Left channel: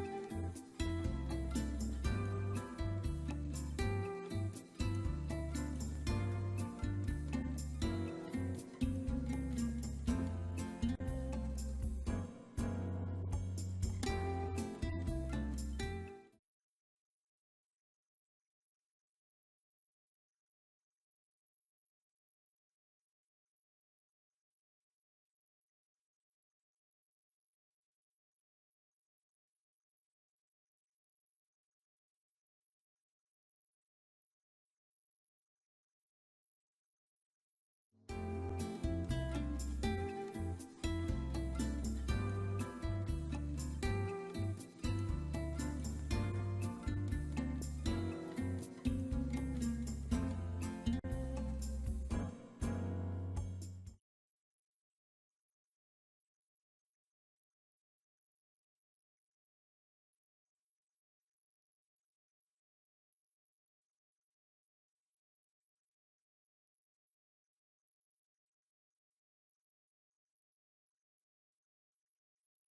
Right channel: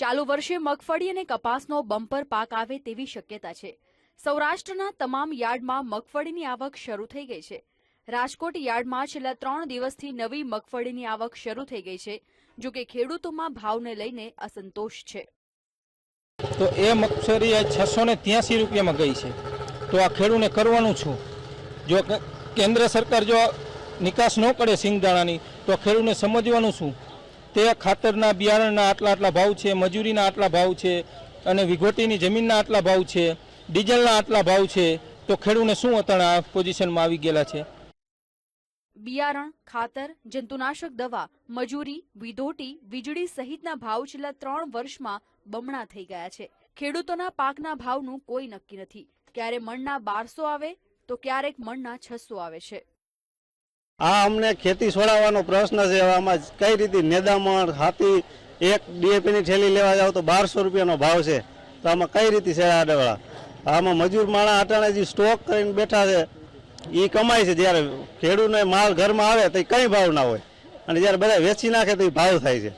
ચાલુ વર્ષે મગફળી અને કપાસનો બમ્પર પાક આવે તેવી શક્યતા છે. સૌરાષ્ટ્રના તમામ યાર્ડમાં મગફળીની આવક શરૂ થઈ ગઈ છે. રાજકોટ યાર્ડમાં છેલ્લા ત્રણ દિવસથી નવી મગફળીની આવક શરૂ થઈ ગઈ છે, જો કે ખેડૂતોમાં ભાવને લઈને અસંતોષ છે. તો એ મગફળી છસો ને ત્યાંસી રૂપિયામાં ગઈ છે. તો આ ખેડૂને કરવાનું છું જો કેન્દ્ર સરકાર જો નિકાસ ન કરે સિંગદાણાની, તો ખેડૂને સમજવાનું શું? તે ખાતરના બિયારણના આટલા આટલા ભાવ છે, મજૂરીના આટલા ભાવ છે અને વિઘોટીની જમીનના આટલા ભાવ છે, ડીઝલના આટલા ભાવ છે, તો ખેડૂને શું અતણ આ પોઝિશનમાં આવી ગયેલા છે? બિયારણ, ખાતર, જંતુનાશક દવા, મજૂરી, વિધોટી, વીજળી સહિતના ભાવ છેલ્લા ત્રણ વર્ષમાં બમણા થઈ ગયા છે. ખેડૂતોના પાકના ભાવનું કોઈ નક્કી નથી. ક્યારે મણના બારસો આવે, તો ક્યારેક મણના છસો આવે છે. આ અમને ખેતી છોડાવવાનો પ્રશ્ન છે. આમાં કઈ રીતે નેદામણ હાથી, એક ડીએપીની ઠેલી લેવા જાવ તો બારસો રૂપિયાનો ભાવ છે. તો આમાં કઈ રીતે છે આડેવાળા આમાં મજૂર માણા અટાણે જે સ્ટોક કરીને બેઠા છે એ કમાય છે. જ્યારે ખેડૂતને માલ ઘરમાં આવે તો કંઈ ભાવ ના હોય. અને જ્યારે બધા વેચી નાખે તો એ ભાવ થાય છે.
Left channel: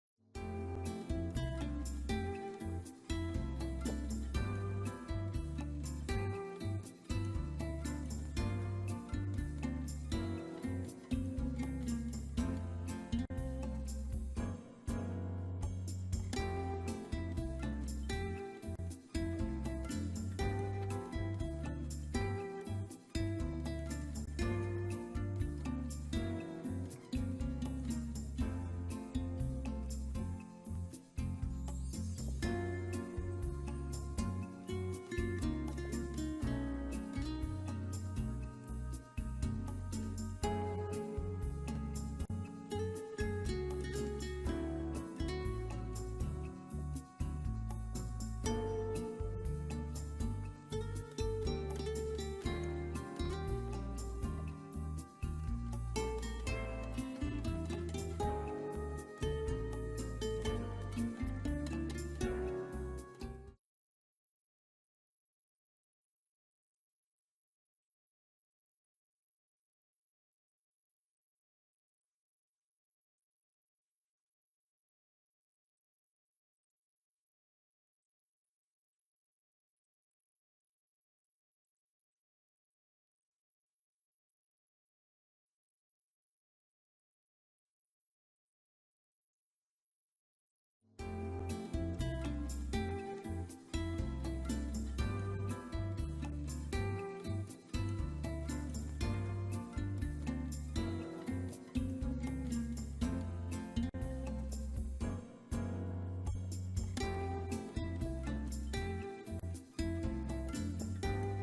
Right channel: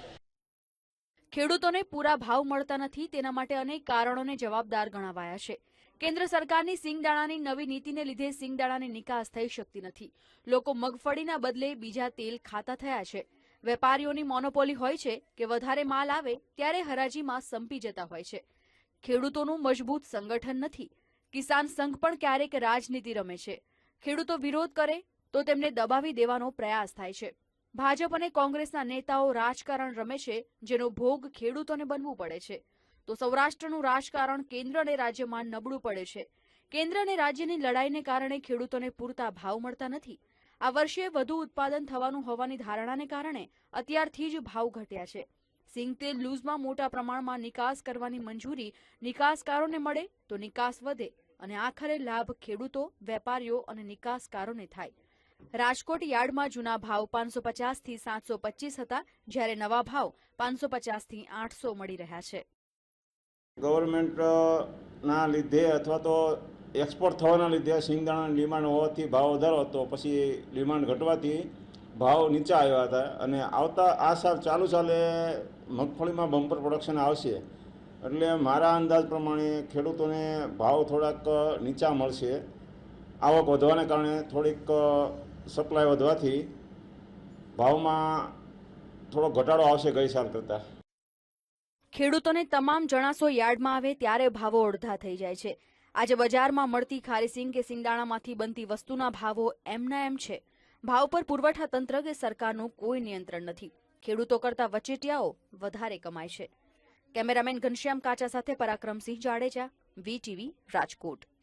ખેડૂતોને પૂરા ભાવ મળતા નથી, તેના માટે અનેક કારણોને જવાબદાર ગણાવાયા છે. કેન્દ્ર સરકારની સિંગદાણાની નવી નીતિને લીધે સિંગદાણાની નિકાસ થઈ શકતી નથી. લોકો મગફળીના બદલે બીજા તેલ ખાતા થયા છે. વેપારીઓની મોનોપોલી હોય છે કે વધારે માલ આવે, ત્યારે હરાજીમાં સંપી જતા હોય છે. ખેડૂતોનું મજબૂત સંગઠન નથી. કિસાન સંઘ પણ ક્યારેક રાજનીતિ રમે છે. ખેડૂતો વિરોધ કરે, તો તેમને દબાવી દેવાનો પ્રયાસ થાય છે. ભાજપ અને કોંગ્રેસના નેતાઓ રાજકારણ રમે છે, જેનો ભોગ ખેડૂતોને બનવું પડે છે. તો સૌરાષ્ટ્રનું રાજકારણ કેન્દ્ર અને રાજ્યમાં નબળું પડે છે. કેન્દ્ર અને રાજ્યની લડાઈને કારણે ખેડૂતોને પૂરતા ભાવ મળતા નથી. આ વર્ષે વધુ ઉત્પાદન થવાનું હોવાની ધારણાને કારણે અત્યારથી જ ભાવ ઘટ્યા છે. સિંગ તેલ લૂઝમાં મોટા પ્રમાણમાં નિકાસ કરવાની મંજૂરી નિકાસકારોને મળે તો નિકાસ વધે અને આખરે લાભ ખેડૂતો, વેપારીઓ અને નિકાસકારોને થાય. રાજકોટ યાર્ડમાં જૂના ભાવ પાંચસો પચાસથી સાતસો પચીસ હતા, જ્યારે નવા ભાવ પાંચસો પચાસથી આઠસો મળી રહ્યા છે. ગવર્મેન્ટના લીધે અથવા તો એક્સપોર્ટ થવાના લીધે સિંગદાણાની ડિમાન્ડ હોવાથી ભાવ વધારો હતો. પછી ડિમાન્ડ ઘટવાથી ભાવ નીચા આવ્યા હતા અને આવતા, આ સાલ, ચાલુ ચાલે મગફળીમાં બમ્પર પ્રોડક્શન આવશે. એટલે મારા અંદાજ પ્રમાણે ખેડૂતોને ભાવ થોડાક નીચા મળશે. આવક વધવાને કારણે થોડીક સપ્લાય વધવાથી ભાવમાં થોડો ઘટાડો આવશે ગઈ સાલ કરતાં. ખેડૂતોને તમામ જણાસો યાર્ડમાં આવે ત્યારે ભાવો અડધા થઈ જાય છે. આજે બજારમાં મળતી ખારીસિંગ કે સિંગદાણામાંથી બનતી વસ્તુના ભાવો એમના એમ છે. ભાવ પર પુરવઠા તંત્ર કે સરકારનું કોઈ નિયંત્રણ નથી. ખેડૂતો કરતા વચેટિયાઓ વધારે કમાય છે. કેમેરામેન ઘનશ્યામ કાચા સાથે પરાક્રમસિંહ જાડેજા, વીટીવી, રાજકોટ.